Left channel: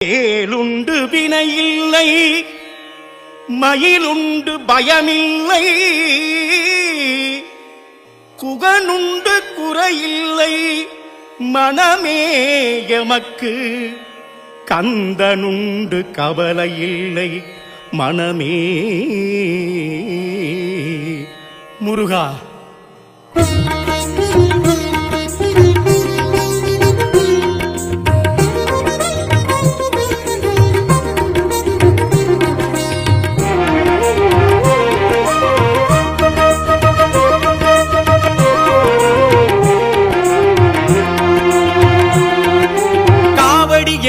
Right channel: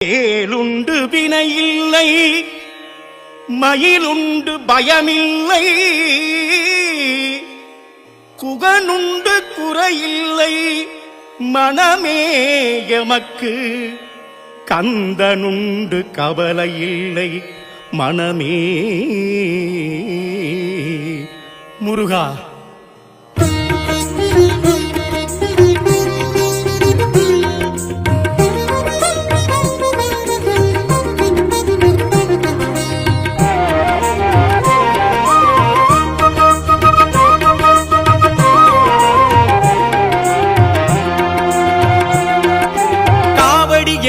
ஏலுண்டு வினையில்லை, மயிலுண்டு பயமில்லை, குகனுண்டு குறையில்லை, மனமே எமக்கு கந்தனுண்டு கவலையில்லை, மனமே. முருகா,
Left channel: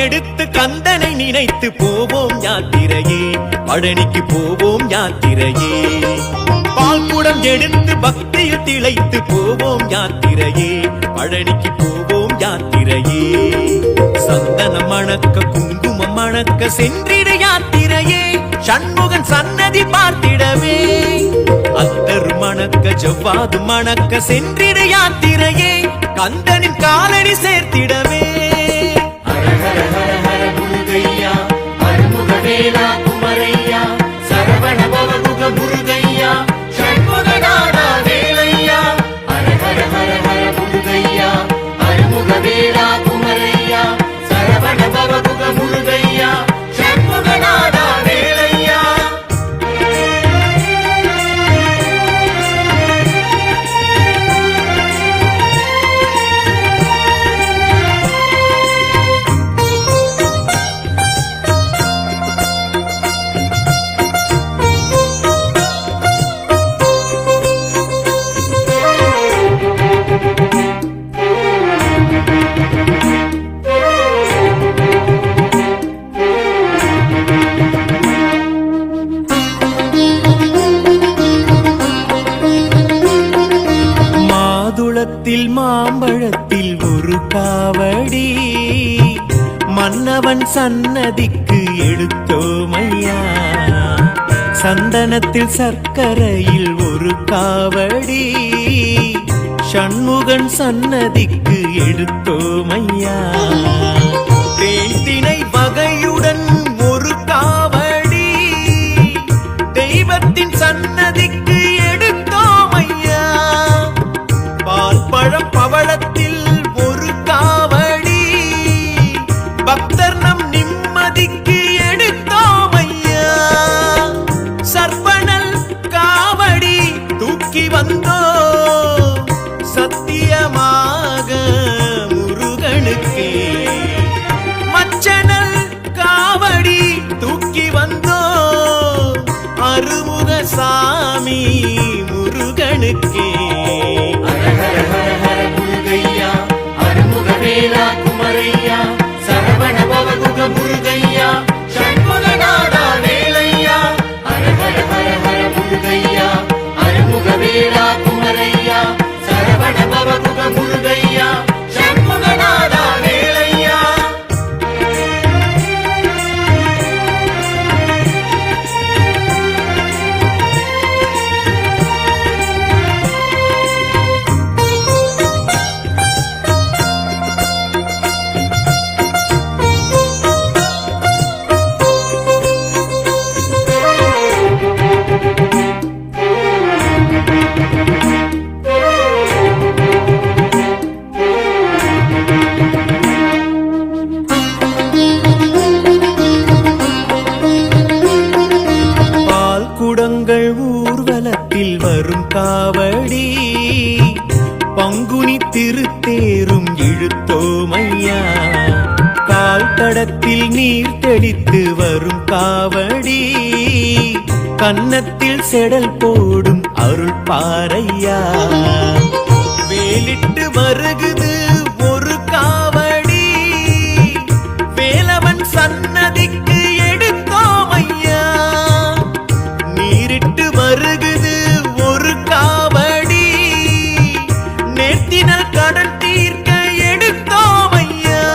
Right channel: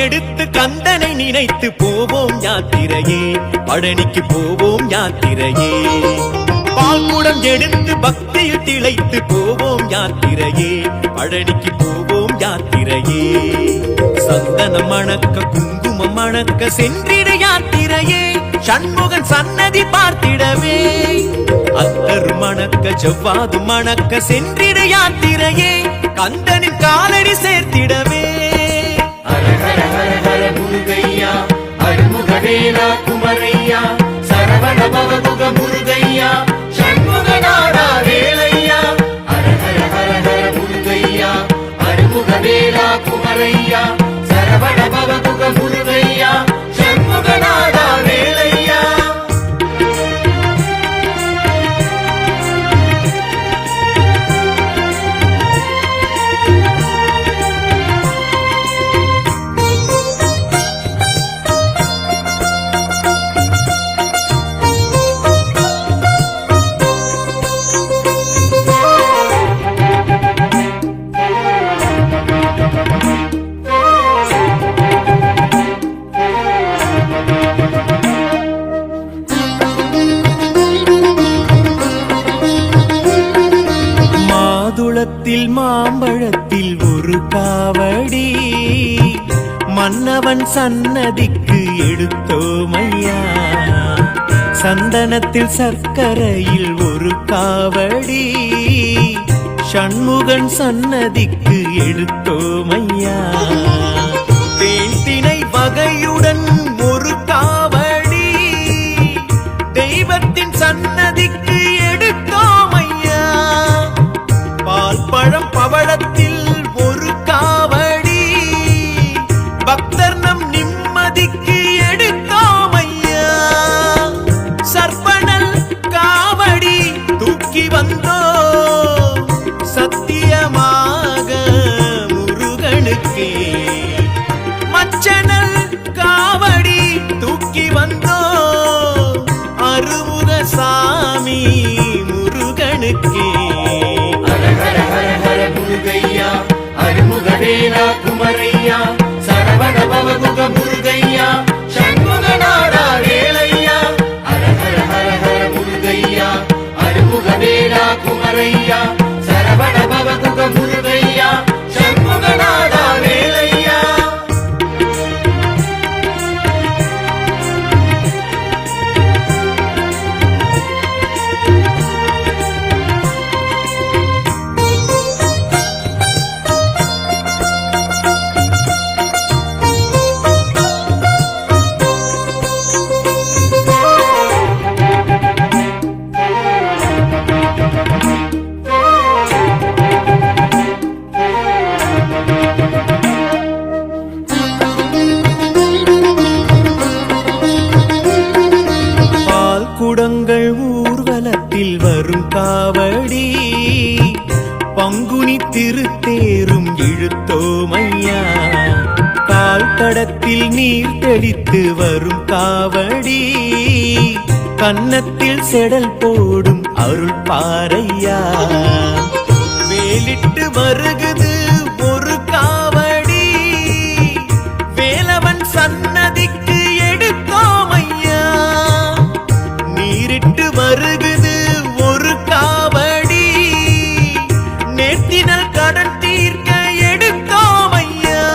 எடுத்து கந்தனை நினைத்து போவோம் யாத்திரையே, பழனிக்கு போவோம் யாத்திரையே. பால்குடம் எடுத்து பக்தியில் திளைத்து போவோம் யாத்திரையே, பழனிக்கு போவோம் யாத்திரையே. சந்தனம் மணக்க குங்குமம் மணக்க சென்றிட யாத்திரையே, சண்முகன் சன்னதி பார்த்திடவே. அத்தரு மணக்க ஜவ்வாது மணக்க சென்றிட யாத்திரையே, கந்தனின் காலடி சேர்த்திடவே. ஹர ஹர ஹர ஹர முருகையா, அருமுகவேலா குமரையா, சரவண பவகுக முருகையா, சண்முகநாதா வேலையா. ஹர ஹர ஹர ஹர முருகையா, அருமுகவேலா குமரையா, சரவண பவகுக முருகையா, சண்முகநாதா வேலையா. மாதுளத்தில் மாம்பழத்தில் ஒரு காவடி, மன்னவன் சன்னதிக்கு எடுத்தோமையா. சந்தனத்தில் சர்க்கரையில் ஒரு காவடி, சண்முகன் சன்னதிக்கு எடுத்தோமையா. தேன்தினை வகையுடன் ஒரு காவடி, தெய்வத்தின் சன்னதிக்கு எடுத்தோமையா. பால் பழம் பவளத்தில் ஒரு காவடி, பக்தர் நம் நிம்மதிக்கு எடுத்தோமையா. சர்ப்பணல் காவடி தூக்கி வந்தோ, சத்தியமாக முருகனுக்கே. மச்சனல் காவடி தூக்கி வந்தோ, அருமுக சாமி முருகனுக்கே. ஹர ஹர ஹர ஹர முருகையா, அருமுகவேலா குமரையா, சரவண பவகுக முருகையா, சண்முகநாதா வேலையா. ஹர ஹர ஹர ஹர முருகையா, அருமுகவேலா குமரையா, சரவண பவகுக முருகையா, சண்முகநாதா வேலையா. குடங்கள் ஊர்வலத்தில் வரும் காவடி, பங்குனி திருத்தேரும் இழுத்தோமையா. கால் தடத்தில் நீர் தெளித்து வரும் காவடி, கன்னத்தில் செடல் போடும் அருள் பாறையா. வேலிட்டு வருகுது ஒரு காவடி, வேலவன் சன்னதிக்கு எடுத்தோமையா. நீரிட்டு வருகுது ஒரு காவடி, நேர்த்தினல் கடன் தீர்க்க எடுத்தோமையா.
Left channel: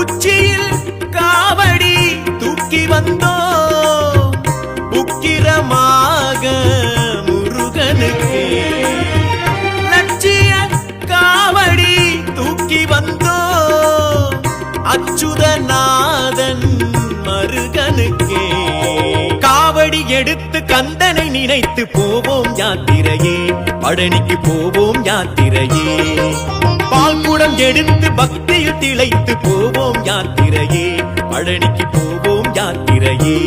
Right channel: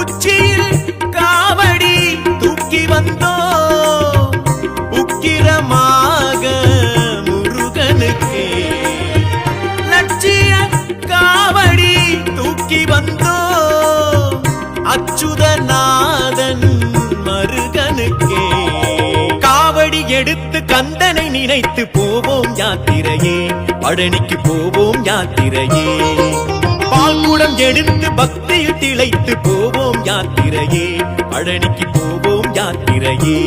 உச்சியில் காவடி தூக்கி வந்தோ, உக்கிரமாக முருகனுக்கே. லட்சிய காவடி தூக்கி வந்தோ, அச்சுதநாதன் மருகனுக்கே. காவடி எடுத்து கந்தனை நினைத்து போவோம் யாத்திரையே, பழனிக்கு போவோம் யாத்திரையே. பால்குடம் எடுத்து பக்தியில் திளைத்து போவோம் யாத்திரையே, பழனிக்கு போவோம் யாத்திரையே.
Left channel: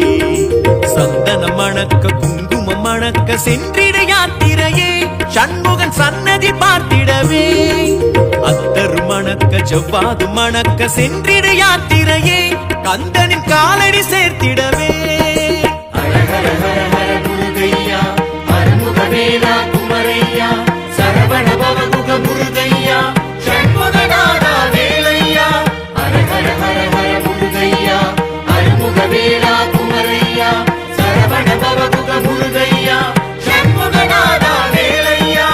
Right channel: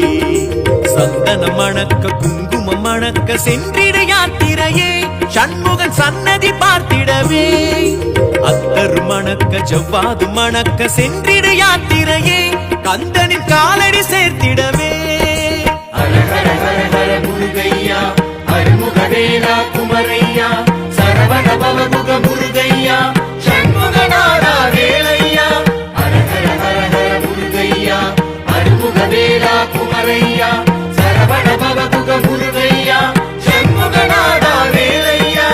சந்தனம் மணக்க குங்குமம் மணக்க சென்றிட யாத்திரையே, சண்முகன் சன்னதி பார்த்திடவே. அத்தரு மணக்க ஜவ்வாது மணக்க சென்றிட யாத்திரையே, கந்தனின் காலடி சேர்த்திடவே. ஹர ஹர ஹர முருகையா, அருமுகவேலா குமரையா, சரவண பவகுக முருகையா, சண்முகநாதா வேலையா. ஹர ஹர ஹர ஹர முருகையா, அருமுகவேலா குமரையா, சரவண பவகுக முருகையா, சண்முகநாதா வேலையா.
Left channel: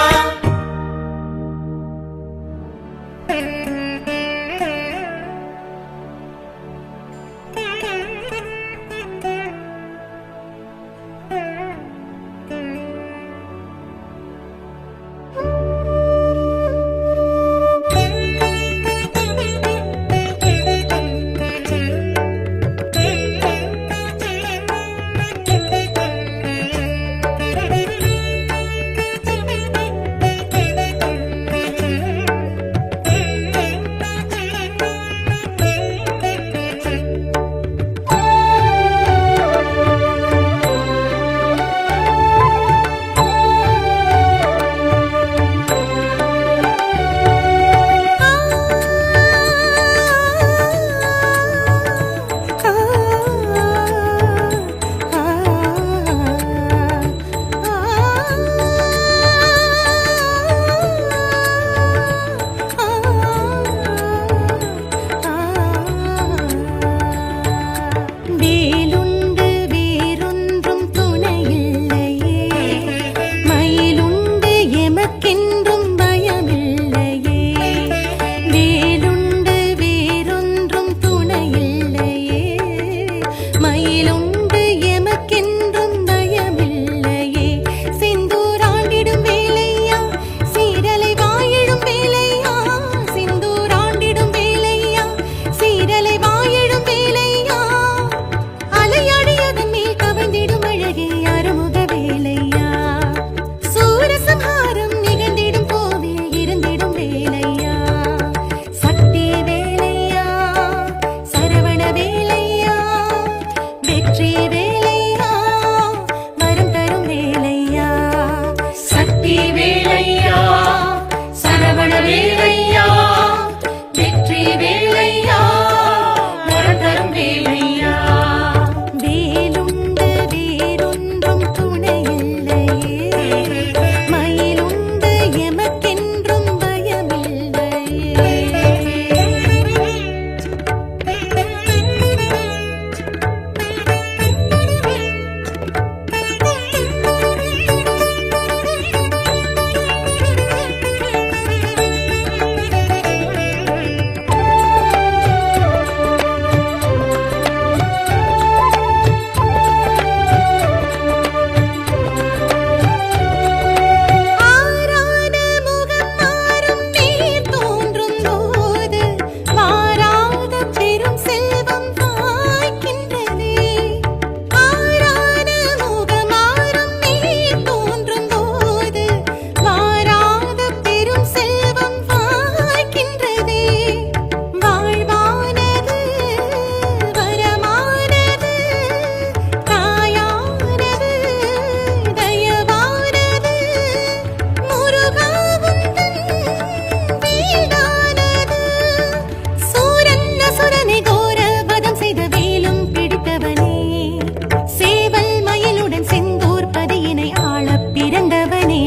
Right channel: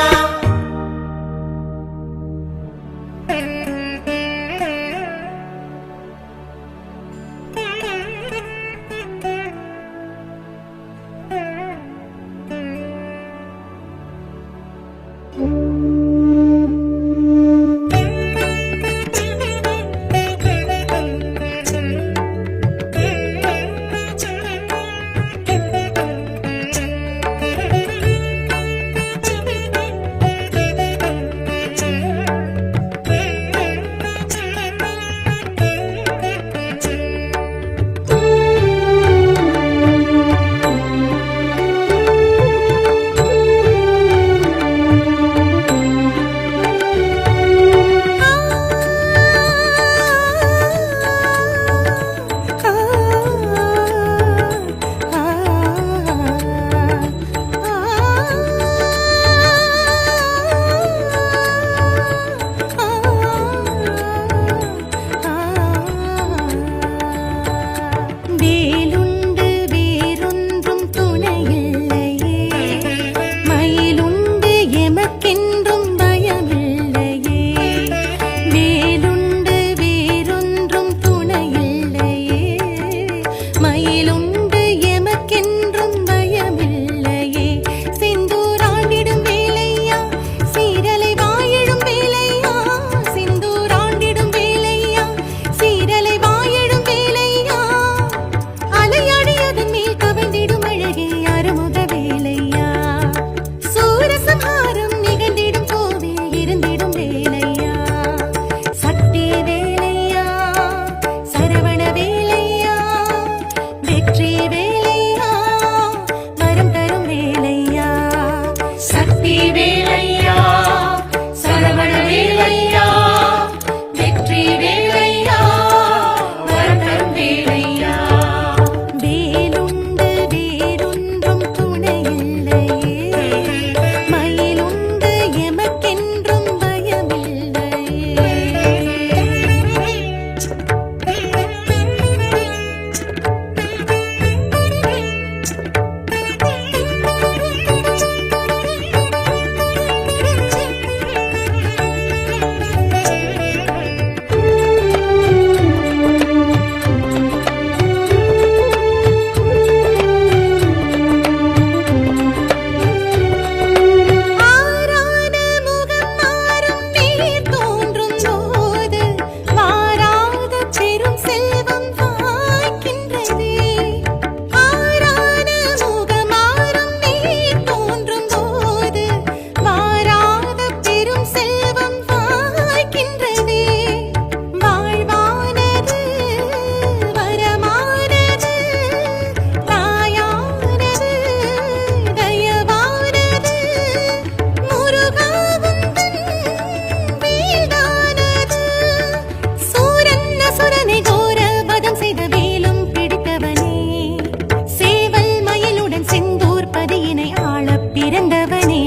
பிறந்தவனே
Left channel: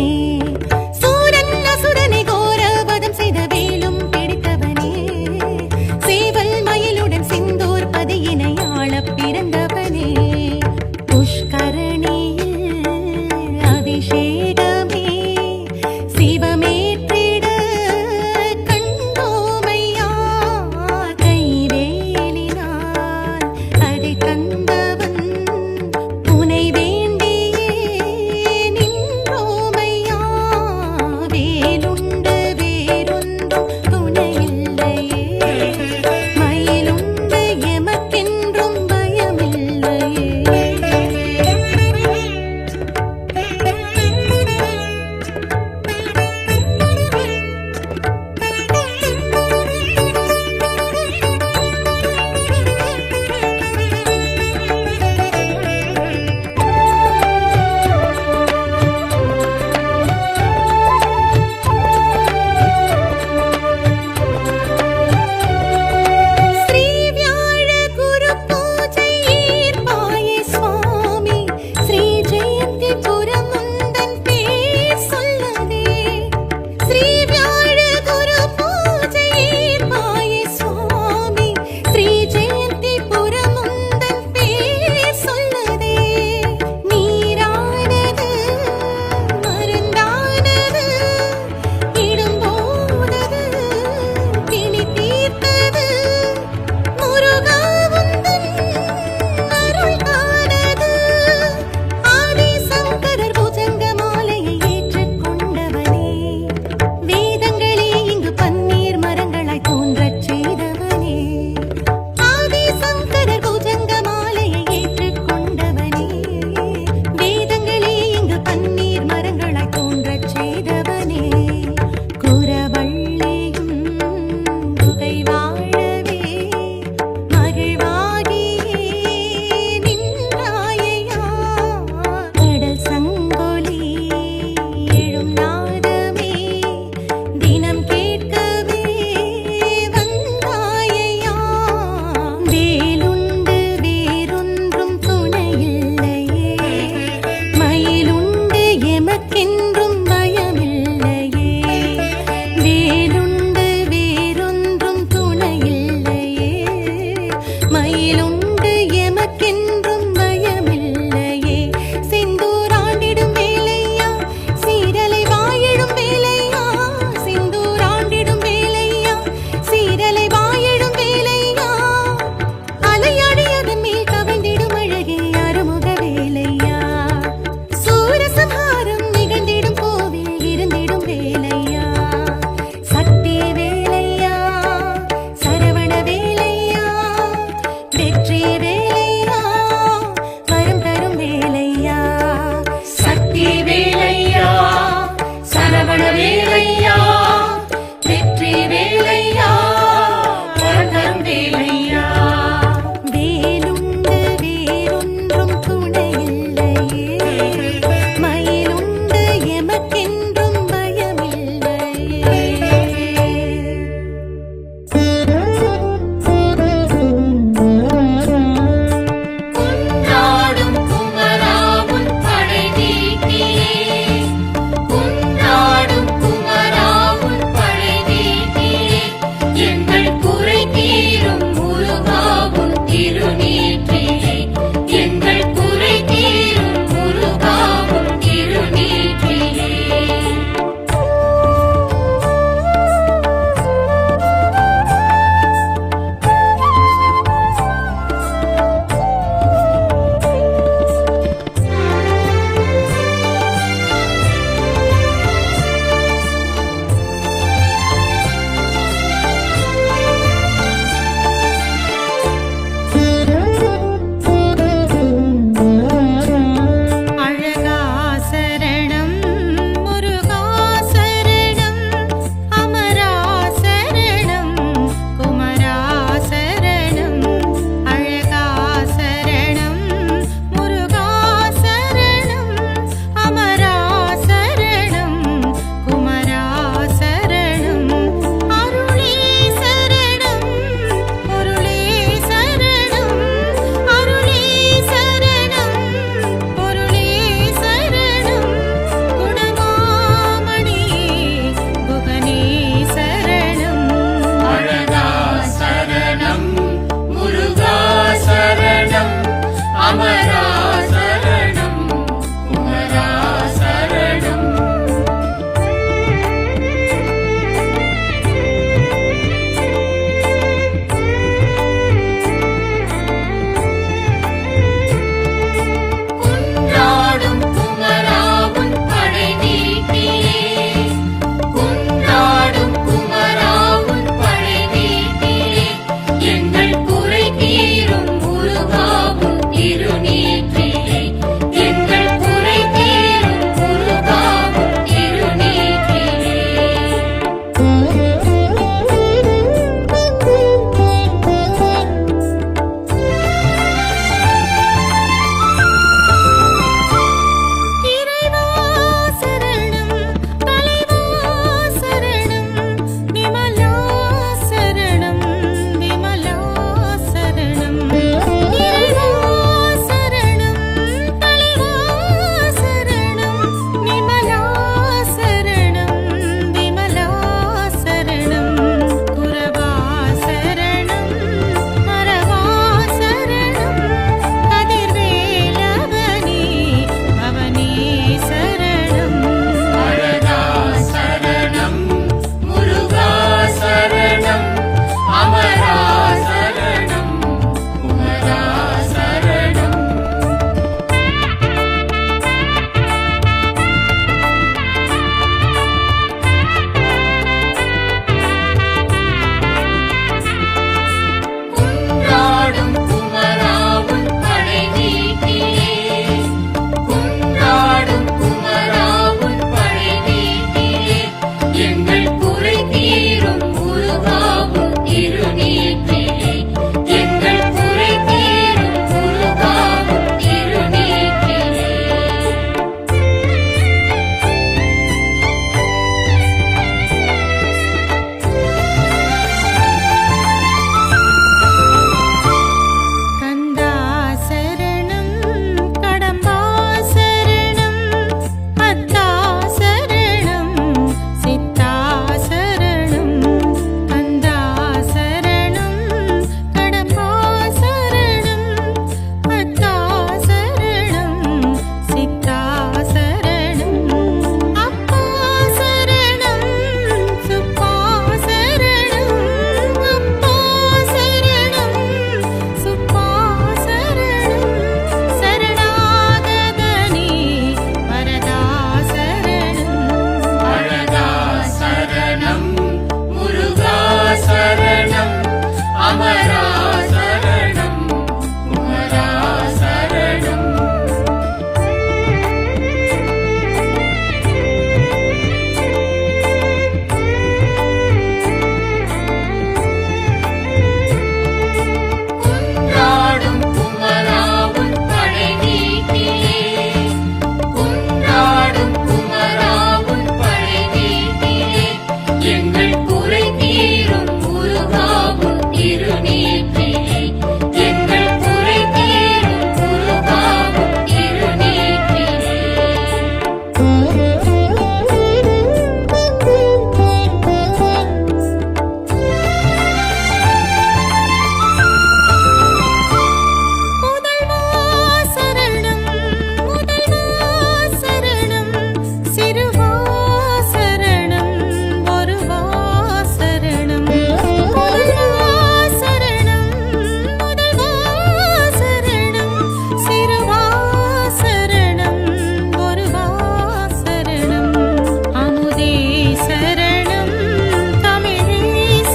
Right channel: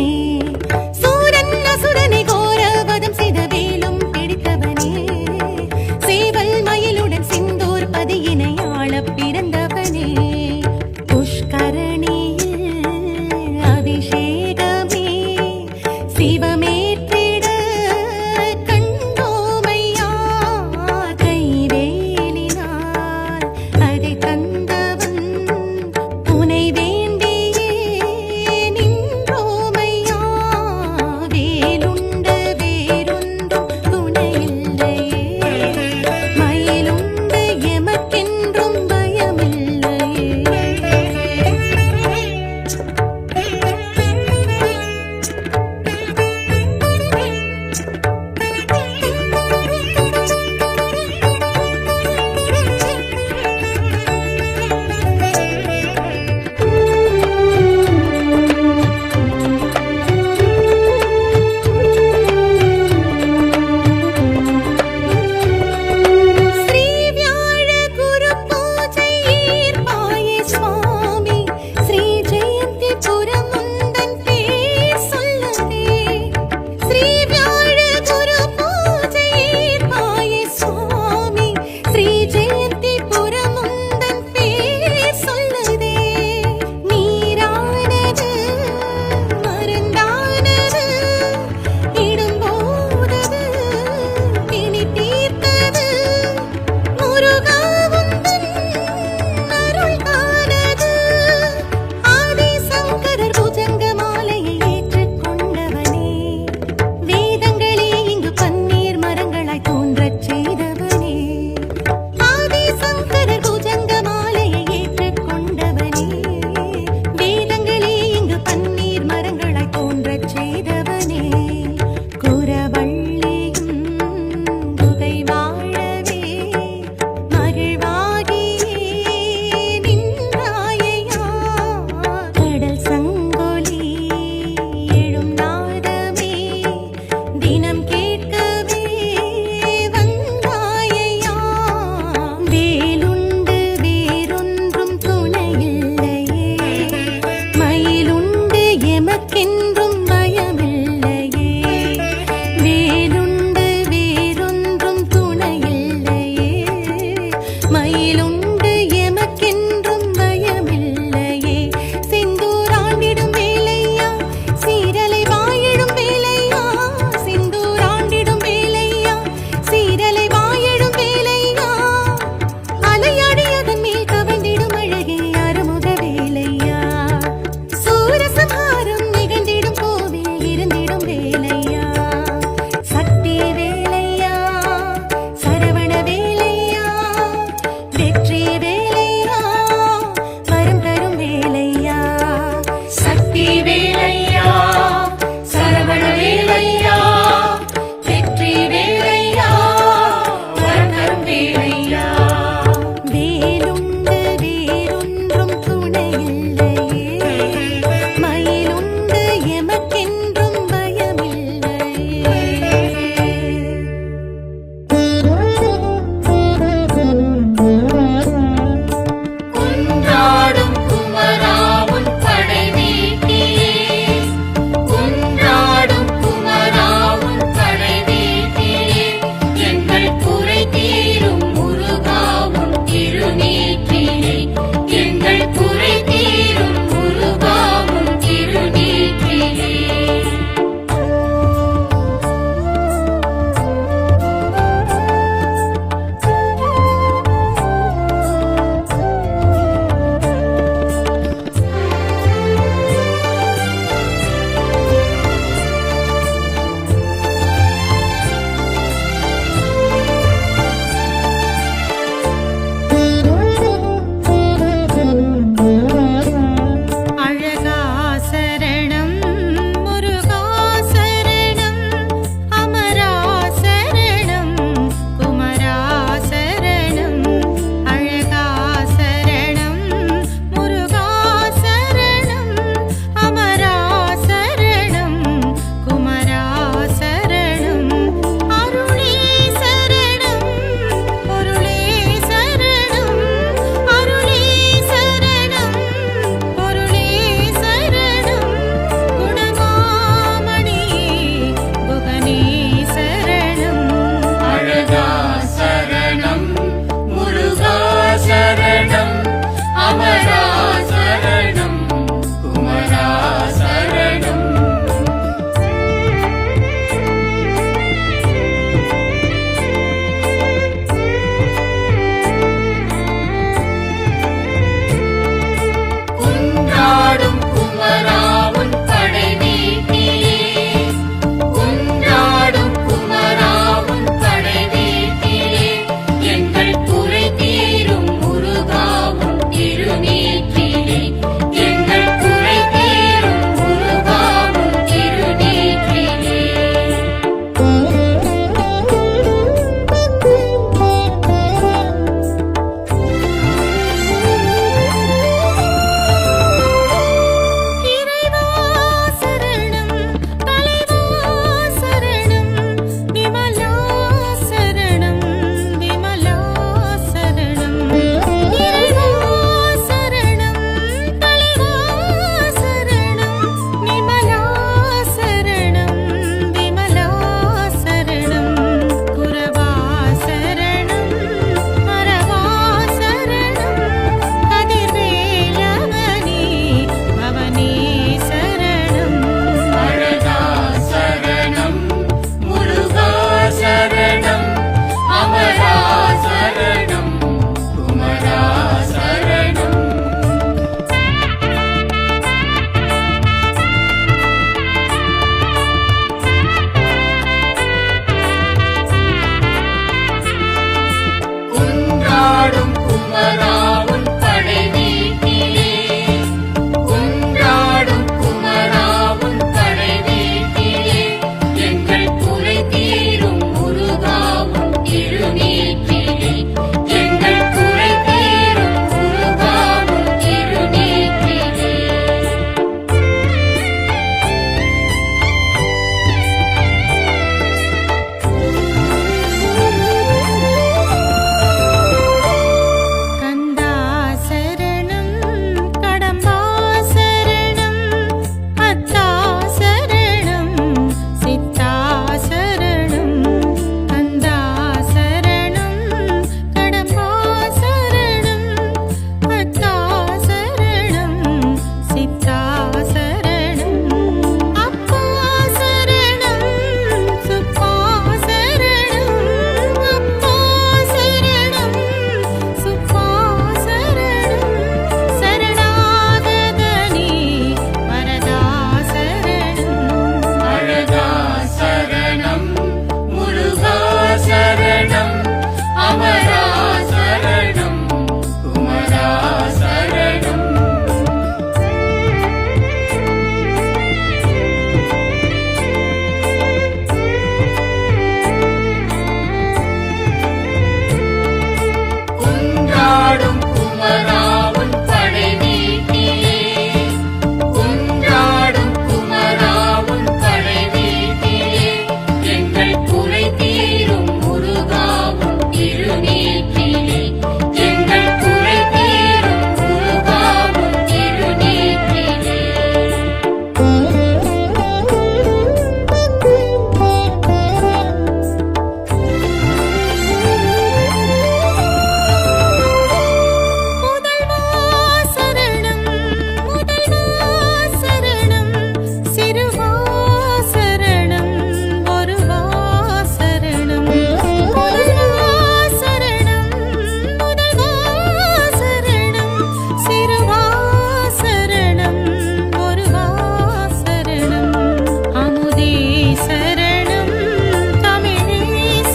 சூரன் அசுரனை கோரவதம் செய்த வேலும் பிடித்தவனே சேவல் மயிலுடன் சிந்தூர் பதியினை ஆள பிறந்தவனே புஷ்கரணியில் அபிஷேகமே சிவமேற்றிட கண்டோமையா கைவேலினால் அதை தந்தவன் உனை வேண்டியே நின்றோமையா வேலுண்டு வேறொன்றும் துணையில்லையே மயிலும் வேலுண்டு எமக்கென்றும் பயமில்லையே செந்தூராண்டிடும் வேலையா சீரலை வாயிடும் வேலையா செந்தூராண்டிடும் வேலையா சீரலை வாயிடும் வேலையா அலையாடி அதன் மேல் கவிழ்ந்திடும் அழகே அருமுக வேலையா சூரசம்ஹாரம் நிகழ்ந்திடும் கோவில் இருந்திடும் வேலையா சக்தி வேலையா சரவண வேலையா வெற்றி வேலையா கொண்டாடும் குமராவும் படை நீட்டியே கொண்டாடும் குமராவும் படை நீட்டியே எங்கள் குறை தீரும் முருகாவும் திருநீற்றிலே எங்கள் குறை தீரும் முருகாவும் திருநீற்றிலே முதல்வா சரணம் முதல்வா சரணம் சிறுவா சரணம் ஒருவா சரணம் முதல்வா சரணம் முதல்வா சரணம் சிறுவா சரணம் ஒருவா சரணம் அமுதே சரணம் தமிழே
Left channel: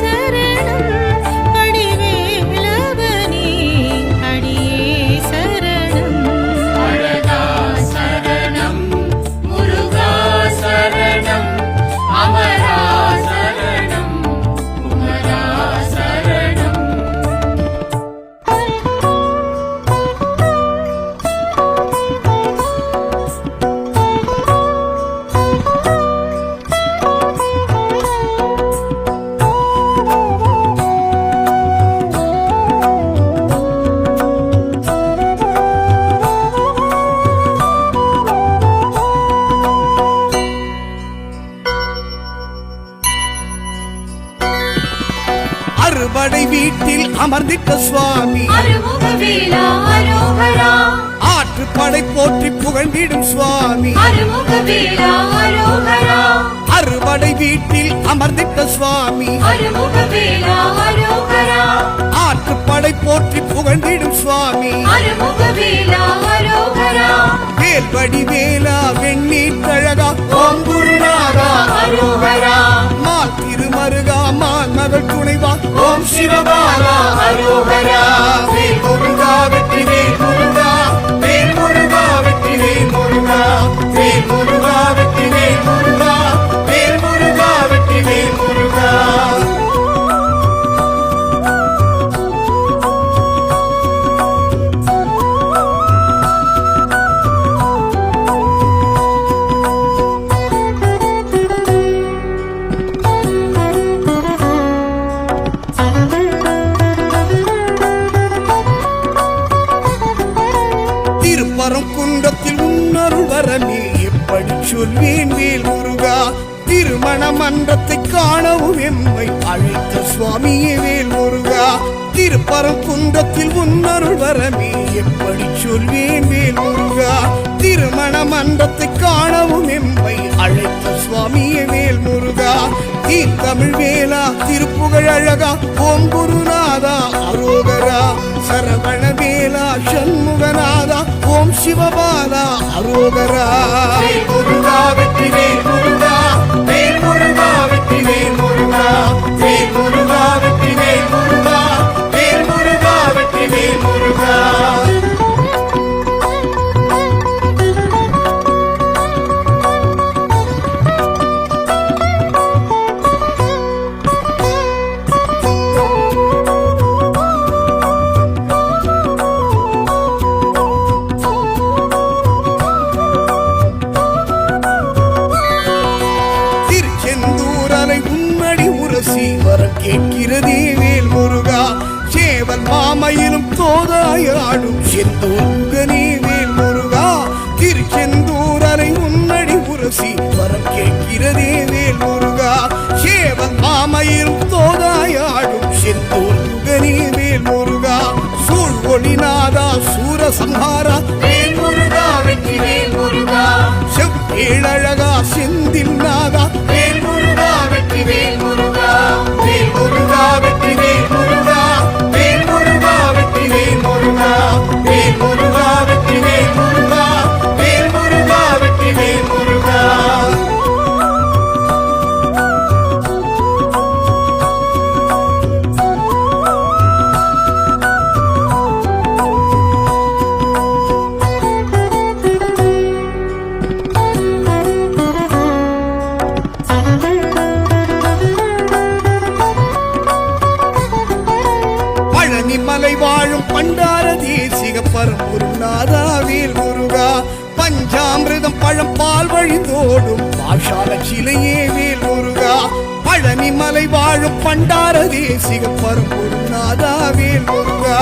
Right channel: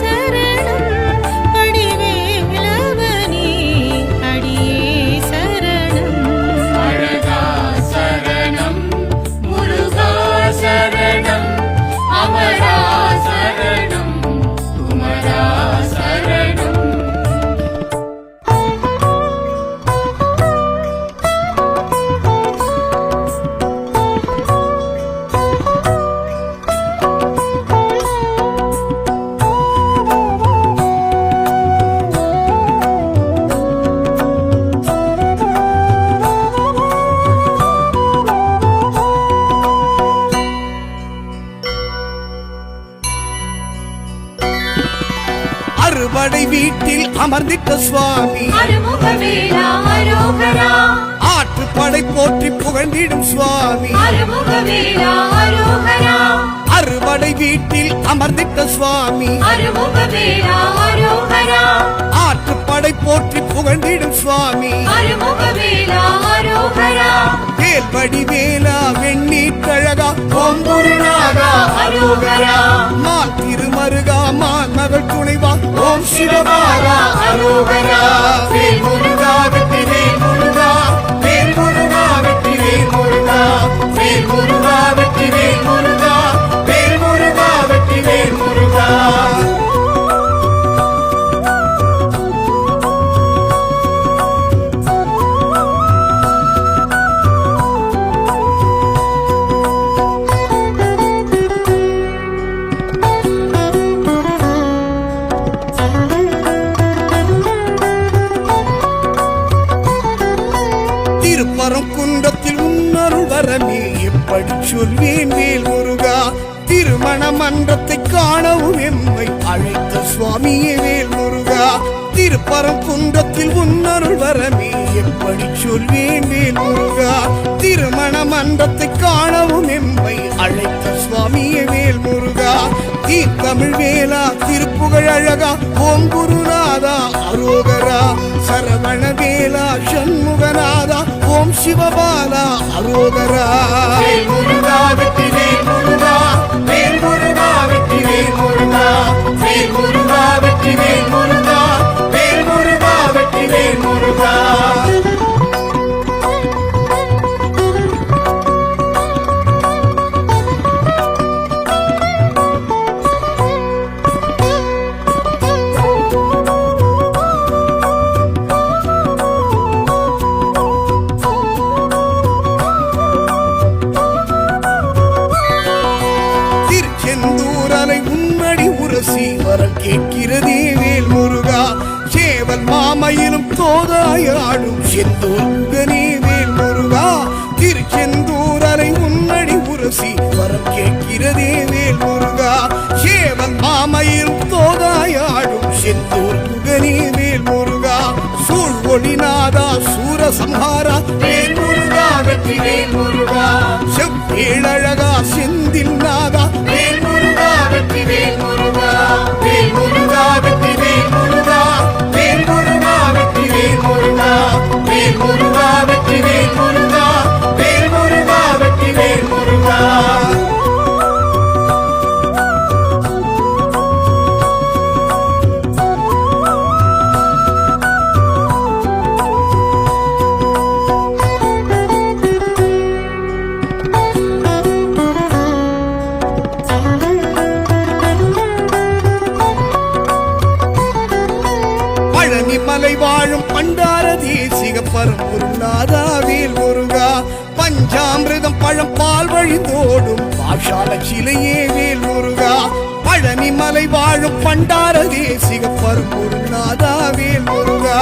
சரணம் வடிவேலவனே அடியே சரணம் அழகா சரணம் முருகா சரணம் அமரா சரணம் குமரா சரணம் அறுபடை வீட்டில் அமர்ந்திட்ட சுவாமி அருமுகவேலா அரோகரா ஆற்றுப்படை போற்றி புகழ்ந்திடும் சுவாமி அருமுகவேலா அரோகரா அறுபடை வீட்டில் அமர்ந்திட்ட சுவாமி அருமுகவேலா அரோகரா ஆற்றுப்படை போற்றி புகழ்ந்திடும் சுவாமி அருமுகவேலா அரோகரா வேல்வடி வேலா வெண்ணீற்றழகா ஓம் குருநாதா அரோகரா மால் திருமருகா மான் மகள் துணைவா ஓம் சிவபாலா அரோகரா வேல் முருகா வெற்றி வேல் முருகா வேல் முருகா வெற்றி வேல் முருகா வேல் முருகா வெற்றி வேல் முருகா வேல் முருகா வெற்றி வேல் முருகா திருப்பரம் குன்றத்தில் உன்னருள் வரமே எப்படி சொல்வேன் வேல் முருகா திருமண மன்றத்தை காணவும் எம்மை அழைத்த சுவாமியே வேல் முருகா திருப்பரம் குன்றத்தில் உன்னருள் வரமே எப்படி சொல்வேன் வேல் முருகா திருமண மன்றத்தை காணவும் எம்மை அழைத்த சுவாமியே வேல் முருகா தமிழ் வேலா திருப்புகழ் அழகா ஓம் குருநாதா அரோகரா சரவண வேலா சண்முகநாதா ஓம் சிவபாலா அரோகரா வேல் முருகா வெற்றி வேல் முருகா வேல் முருகா வெற்றி வேல் முருகா வேல் முருகா வெற்றி வேல் முருகா வேல் முருகா வெற்றி வேல் முருகா திருச்செந்தூரலை உன்னடி உரசி வரம் கேட்கிறதே வேல் முருகா சேவல் மாமையிலும் தோதாயாடும் செந்தூர் முகனே வேல் முருகா திருச்செந்தூரலை உன்னடி உரசி வரம் கேட்கிறதே வேல் முருகா சேவல் மாமையிலும் தோதாயாடும் செந்தூர் முகனே வேல் முருகா சூழ் ஒளிநாதா சூரசம்ஹாரா வேல் முருகா வெற்றி வேல் முருகா செவ்வேழழகா செந்தில் நாதா வேல் முருகா வெற்றி வேல் முருகா வேல் முருகா வெற்றி வேல் முருகா வேல் முருகா வெற்றி வேல் முருகா வேல் முருகா வெற்றி வேல் முருகா வேல் முருகா வெற்றி வேல் முருகா பழனி மலை வாழும் பண்டார தேசிக பரம்பொருளாதா வேல் முருகா பஞ்சாமிர்தம் பழம் பால் வழிந்தோடும் பாஷால சிலையே வேல் முருகா பழனி மலை வாழும் பண்டார தேசிக பரம்பொருளாதா வேல் முருகா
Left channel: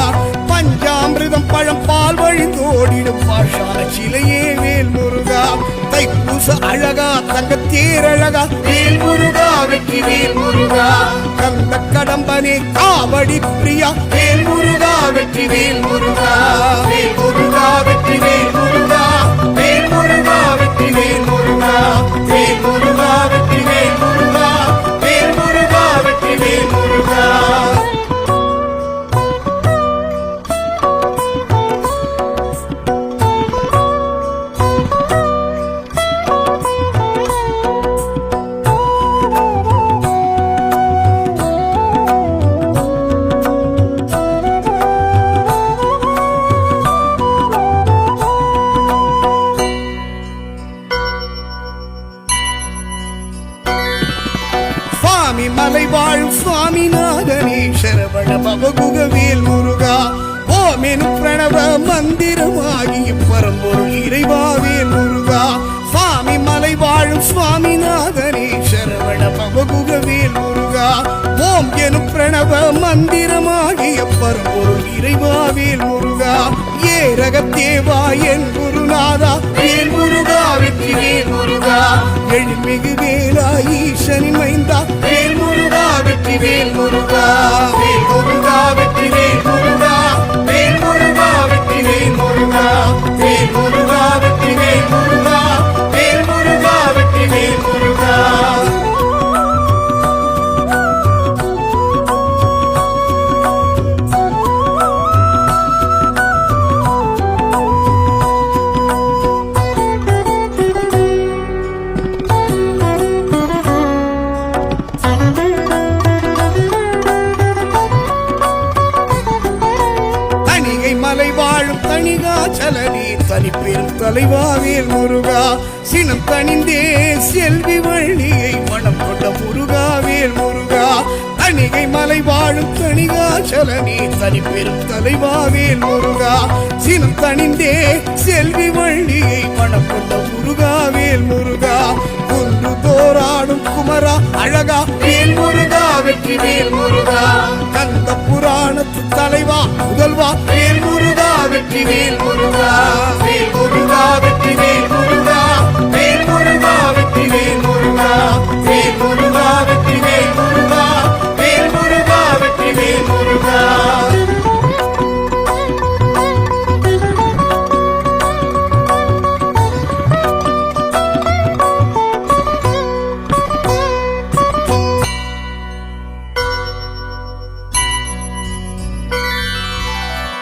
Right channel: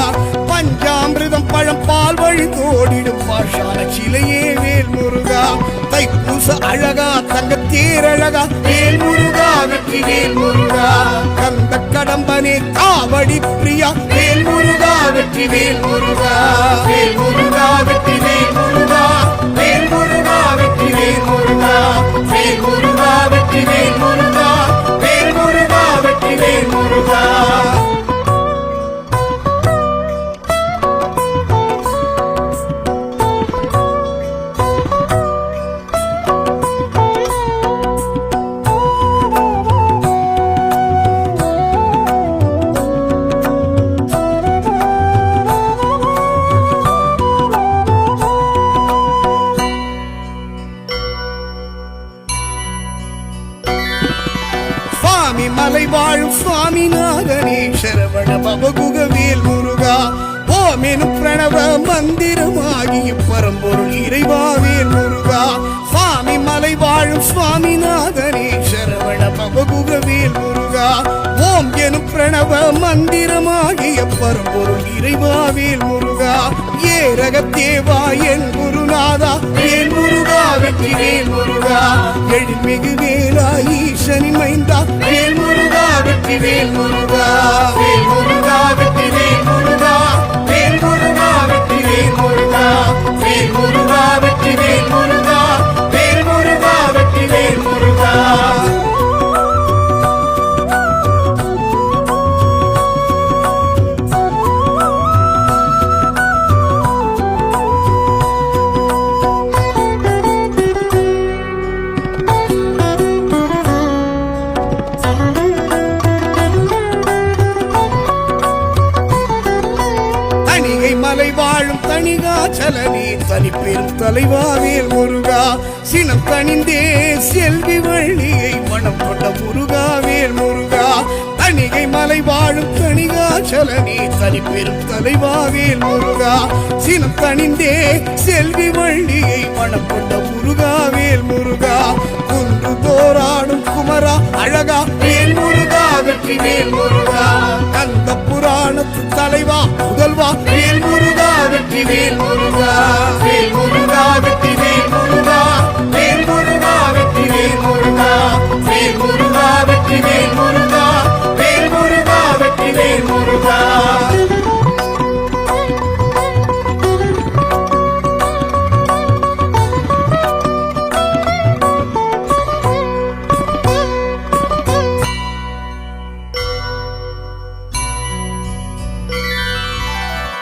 பஞ்சாமிர்தம் பழம் பால் வழிந்தோடிடும் பாஷால சிலையே வேல் முருகா தைப்பூச அழகா தங்கத்தேர் அழகா வேல் முருகா வெற்றி வேல் முருகா கந்த கடம்பனே காவடி பிரியா வேல் முருகா வெற்றி வேல் முருகா வேல் முருகா வெற்றி வேல் முருகா வேல் முருகா வெற்றி வேல் முருகா வேல் முருகா வெற்றி வேல் முருகா வேல் முருகா வெற்றி வேல் முருகா சுவாமி மலை வாழும் சுவாமிநாதனே சரவண பவகுக வேல் முருகா ஓமெனும் பிரணவ மந்திரமாகிய பரம்பொருள் இறைவா வேல் முருகா சுவாமி மலை வாழும் சுவாமிநாதனே சரவண பவகுக வேல் முருகா ஓம் எனும் பிரணவ மந்திரமாகிய பரம்பொருள் இறைவா வேல் முருகா ஏரகத்தேவா என் குருநாதா வேல் முருகா வெற்றி வேல் முருகா எழில்மிகு வேலா ஈசனின் மைந்தா வேல் முருகா வெற்றி வேல் முருகா வேல் முருகா வெற்றி வேல் முருகா வேல் முருகா வெற்றி வேல் முருகா வேல் முருகா வெற்றி வேல் முருகா வேல் முருகா வெற்றி வேல் முருகா தணிகை மலை வாழும் தணிகாச்சலனே தனி பெரும் தலைவா வேல் முருகா சினம் தணிந்தே செல்வி வள்ளியை மனம் கொண்ட முருகா வேல் முருகா தணிகை மலை வாழும் தணிகாச்சலனே தனி பெரும் தலைவா வேல் முருகா சினம் தணிந்தே செல்வி வள்ளியை மனம் கொண்ட முருகா வேல் முருகா குன்று தோராடும் குமரா அழகா வேல் முருகா வெற்றி வேல் முருகா கந்த புராணத்து தலைவா முதல்வா வேல் முருகா வெற்றி வேல் முருகா வேல் முருகா வெற்றி வேல் முருகா வேல் முருகா வெற்றி வேல் முருகா வேல் முருகா வெற்றி வேல் முருகா வேல் முருகா வெற்றி வேல் முருகா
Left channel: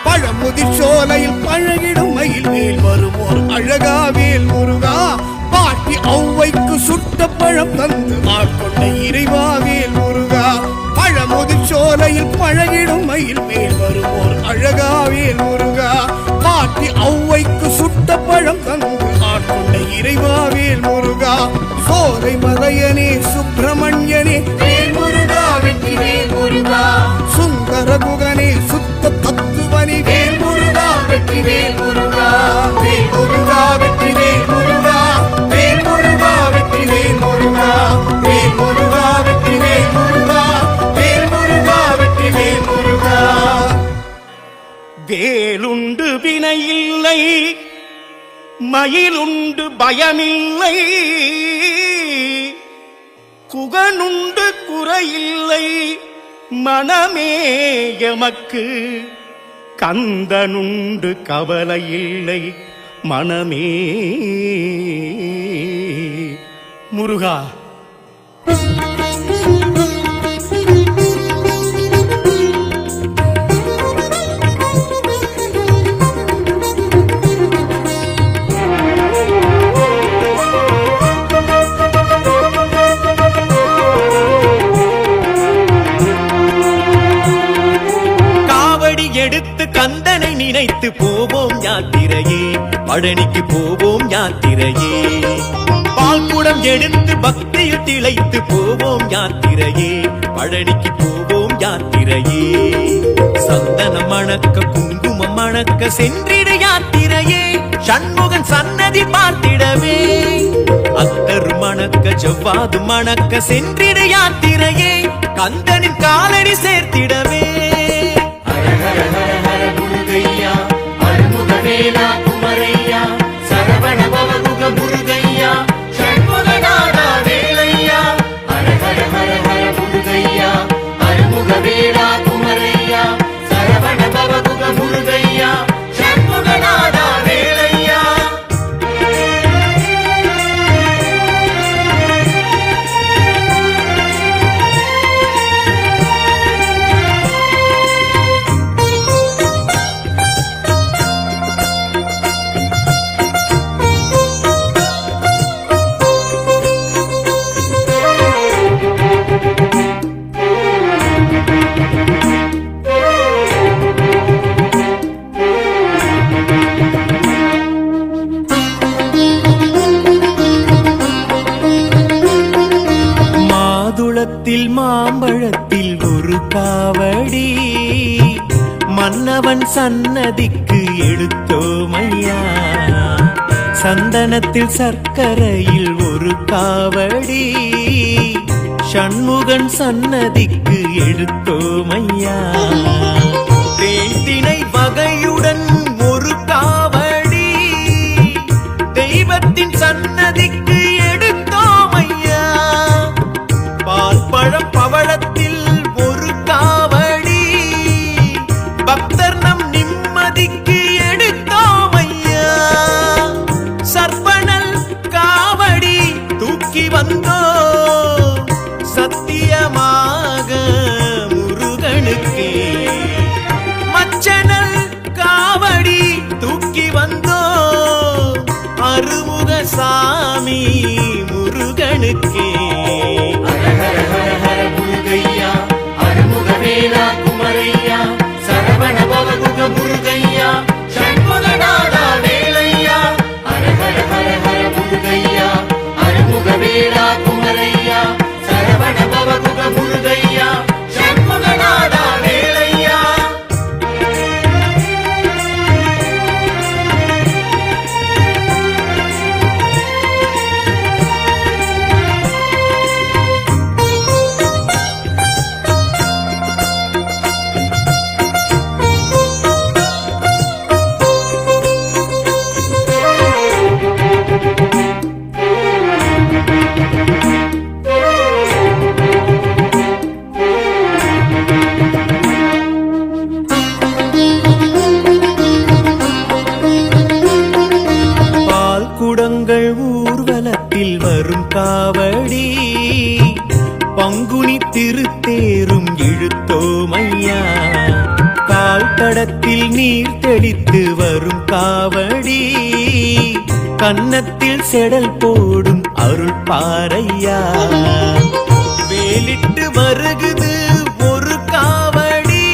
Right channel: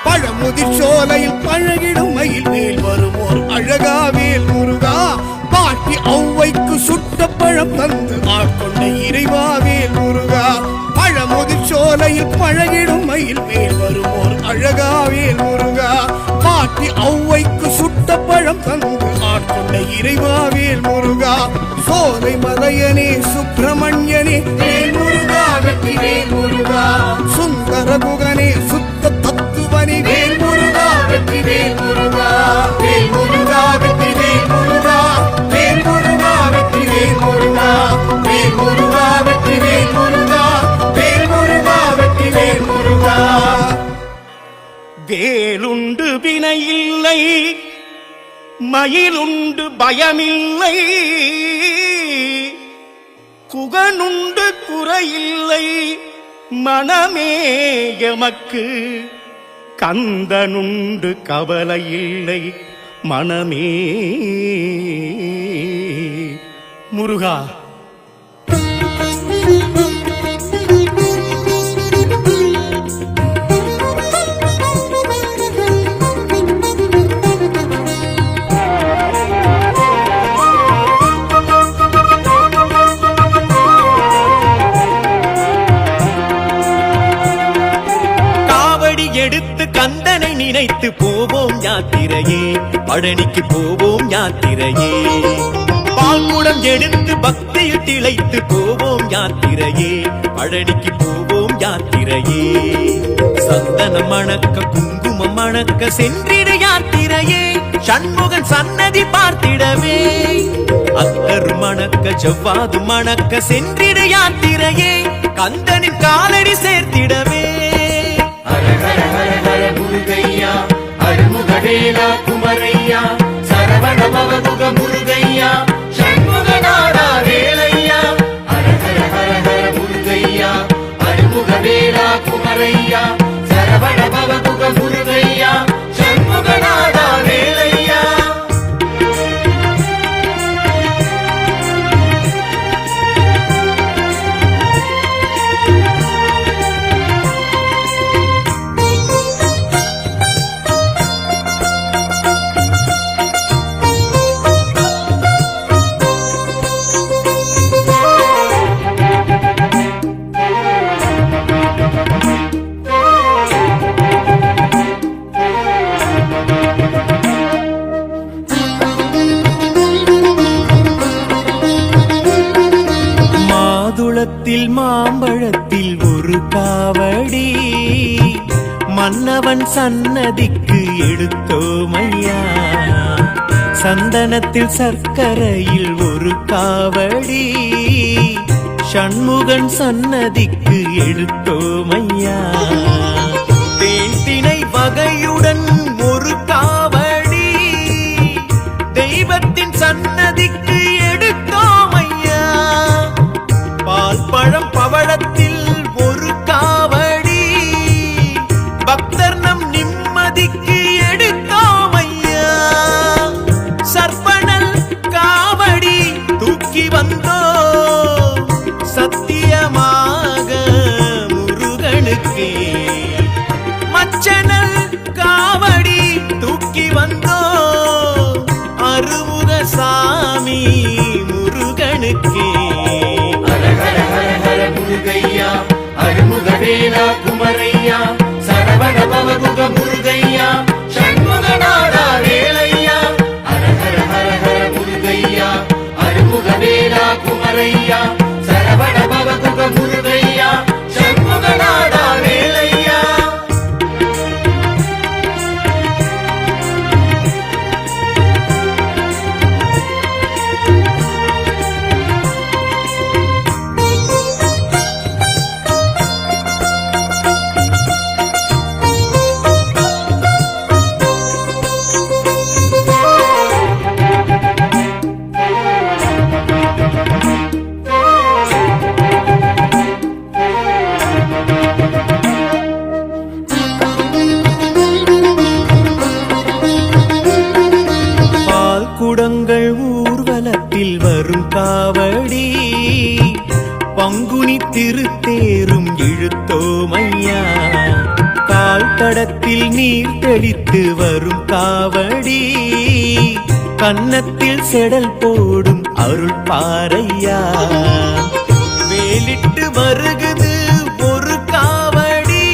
பழமுதிர் சோலையில் பழகிடும் மயில் மேல் வருமோர் அழகா வேல் முருகா பாட்டி ஔவைக்கு சுட்ட பழம் தந்து ஆட்கொண்ட இறைவா வேல் முருகா பழமுதிர் சோலையில் பழகிடும் மயில் மேல் வருமோர் அழகா வேல் முருகா பாட்டி ஔவைக்கு சுட்ட பழம் தந்து ஆட்கொண்ட இறைவா வேல் முருகா சோலை மலையனே சுப்பிரமணியனே வேல் முருகா வெற்றி வேல் முருகா சுந்தர குகனே சுத்த தத்துவனே வேல் முருகா வெற்றி வேல் முருகா வேல் முருகா வெற்றி வேல் முருகா வேல் முருகா வெற்றி வேல் முருகா வேல் முருகா வெற்றி வேல் முருகா வேல் முருகா வெற்றி வேல் முருகா வேலுண்டு வினையில்லை மயிலுண்டு பயமில்லை குகனுண்டு குறையில்லை மனமே எமக்கு கந்தனுண்டு கவலையில்லை மனமே முருகா எடுத்து கந்தனை நினைத்து போவோம் யாத்திரையே பழனிக்கு போவோம் யாத்திரையே பால் குடம் எடுத்து பக்தியில் திளைத்து போவோம் யாத்திரையே, பழனிக்கு போவோம் யாத்திரையே. சந்தனம் மணக்க குங்குமம் மணக்க சென்றிடு யாத்திரையே, சண்முகன் சன்னதி பார்த்திடவே. அத்தர் மணக்க ஜவ்வாது மணக்க சென்றிடு யாத்திரையே, கந்தனின் காலடி சேர்த்திடவே. ஹர ஹர ஹர ஹர முருகையா, அருமுகவேலா குமரையா, சரவண பவகுக முருகையா, சண்முகநாதா வேலையா. ஹர ஹர ஹர ஹர முருகையா, அருமுகவேலா குமரையா, சரவண பவகுக முருகையா, சண்முகநாதா வேலையா. மாதுளத்தில் மாம்பழத்தில் ஒரு காவடி, மன்னவன் சன்னதிக்கு எடுத்தோமையா. சந்தனத்தில் சர்க்கரையில் ஒரு காவடி, சண்முகன் சன்னதிக்கு எடுத்தோமையா. தேன்தினை வகையுடன் ஒரு காவடி, தெய்வத்தின் சன்னதிக்கு எடுத்தோமையா. பால் பழம் பவளத்தில் ஒரு காவடி, பக்தர் நம் நிம்மதிக்கு எடுத்தோமையா. சர்ப்பணல் காவடி தூக்கி வந்தோ, சத்தியமாக முருகனுக்கே. மச்சனல் காவடி தூக்கி வந்தோ, அருமுக சாமி முருகனுக்கே. ஹர ஹர ஹர ஹர முருகையா, அருமுகவேலா குமரையா, சரவண பவகுக முருகையா, சண்முகநாதா வேலையா. ஹர ஹர ஹர ஹர முருகையா, அருமுகவேலா குமரையா, சரவண பவகுக முருகையா, சண்முகநாதா வேலையா. குடங்கள் ஊர்வலத்தில் வரும் காவடி, பங்குனி திருத்தேரும் இழுத்தோமையா. கால் தடத்தில் நீர் தெளித்து வரும் காவடி, கன்னத்தில் செடல் போடும் அருள் பாறையா. வேலிட்டு வருகுது ஒரு காவடி,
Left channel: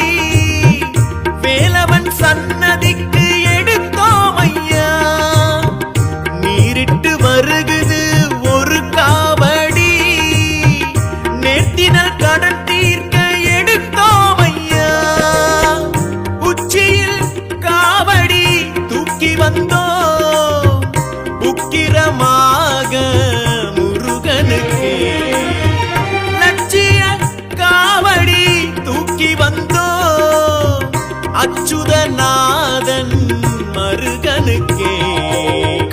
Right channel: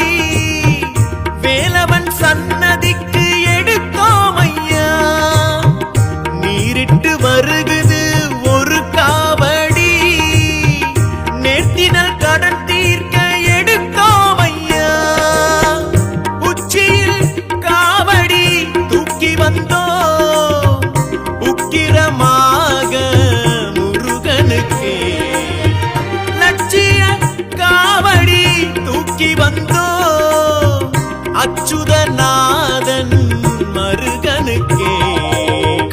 வேலவன் சன்னதிக்கு எடுத்தோமையா. நீரிட்டு வருகுது ஒரு காவடி, நேர்த்தினல் கடன் தீர்க்க எடுத்தோமையா. உச்சியில் காவடி தூக்கி வந்தோ, உக்கிரமாக முருகனுக்கே. லட்சிய காவடி தூக்கி வந்தோ, அச்சுதநாதன் மருகனுக்கே.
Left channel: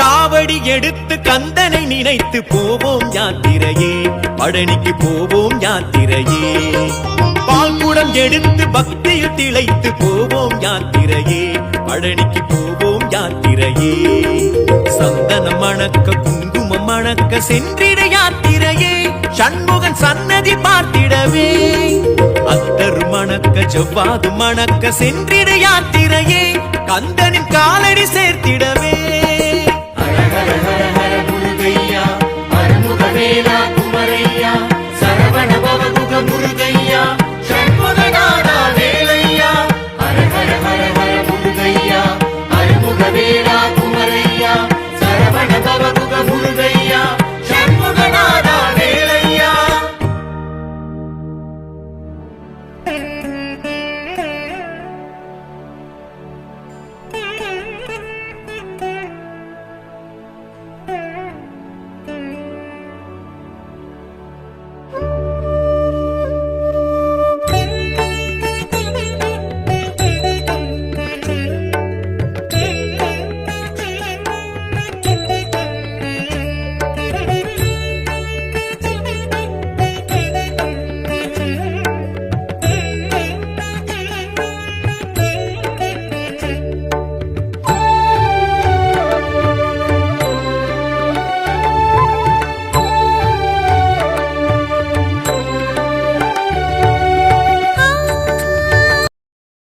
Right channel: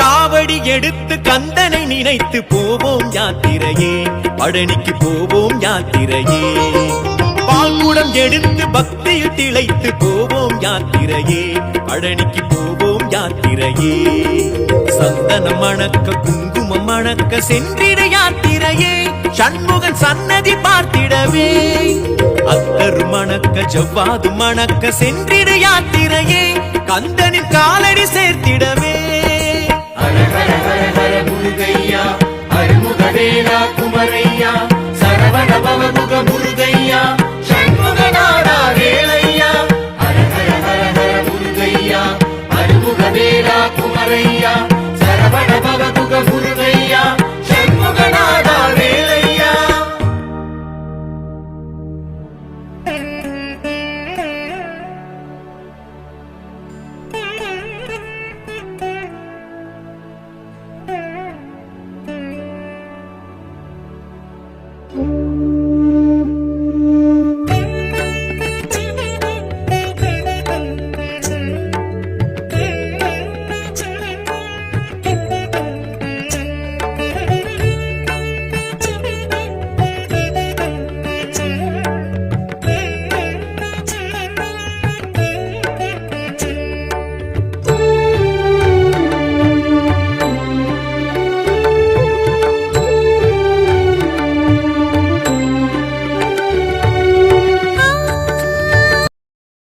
காவடி எடுத்து கந்தனை நினைத்து போவோம் யாத்திரையே, பழனிக்கு போவோம் யாத்திரையே. பால் குடம் எடுத்து பக்தியில் திளைத்து போவோம் யாத்திரையே, பழனிக்கு போவோம் யாத்திரையே. சந்தனம் மணக்க குங்குமம் மணக்க சென்றிட யாத்திரையே, சண்முகன் சன்னதி பார்த்திடவே. அத்தர் மணக்க ஜவ்வாது மணக்க சென்றிட யாத்திரையே, கந்தனின் காலடி சேர்த்திடவே. ஹர ஹர ஹர ஹர முருகையா, அருமுகவேலா குமரையா, சரவண பவகுக முருகையா,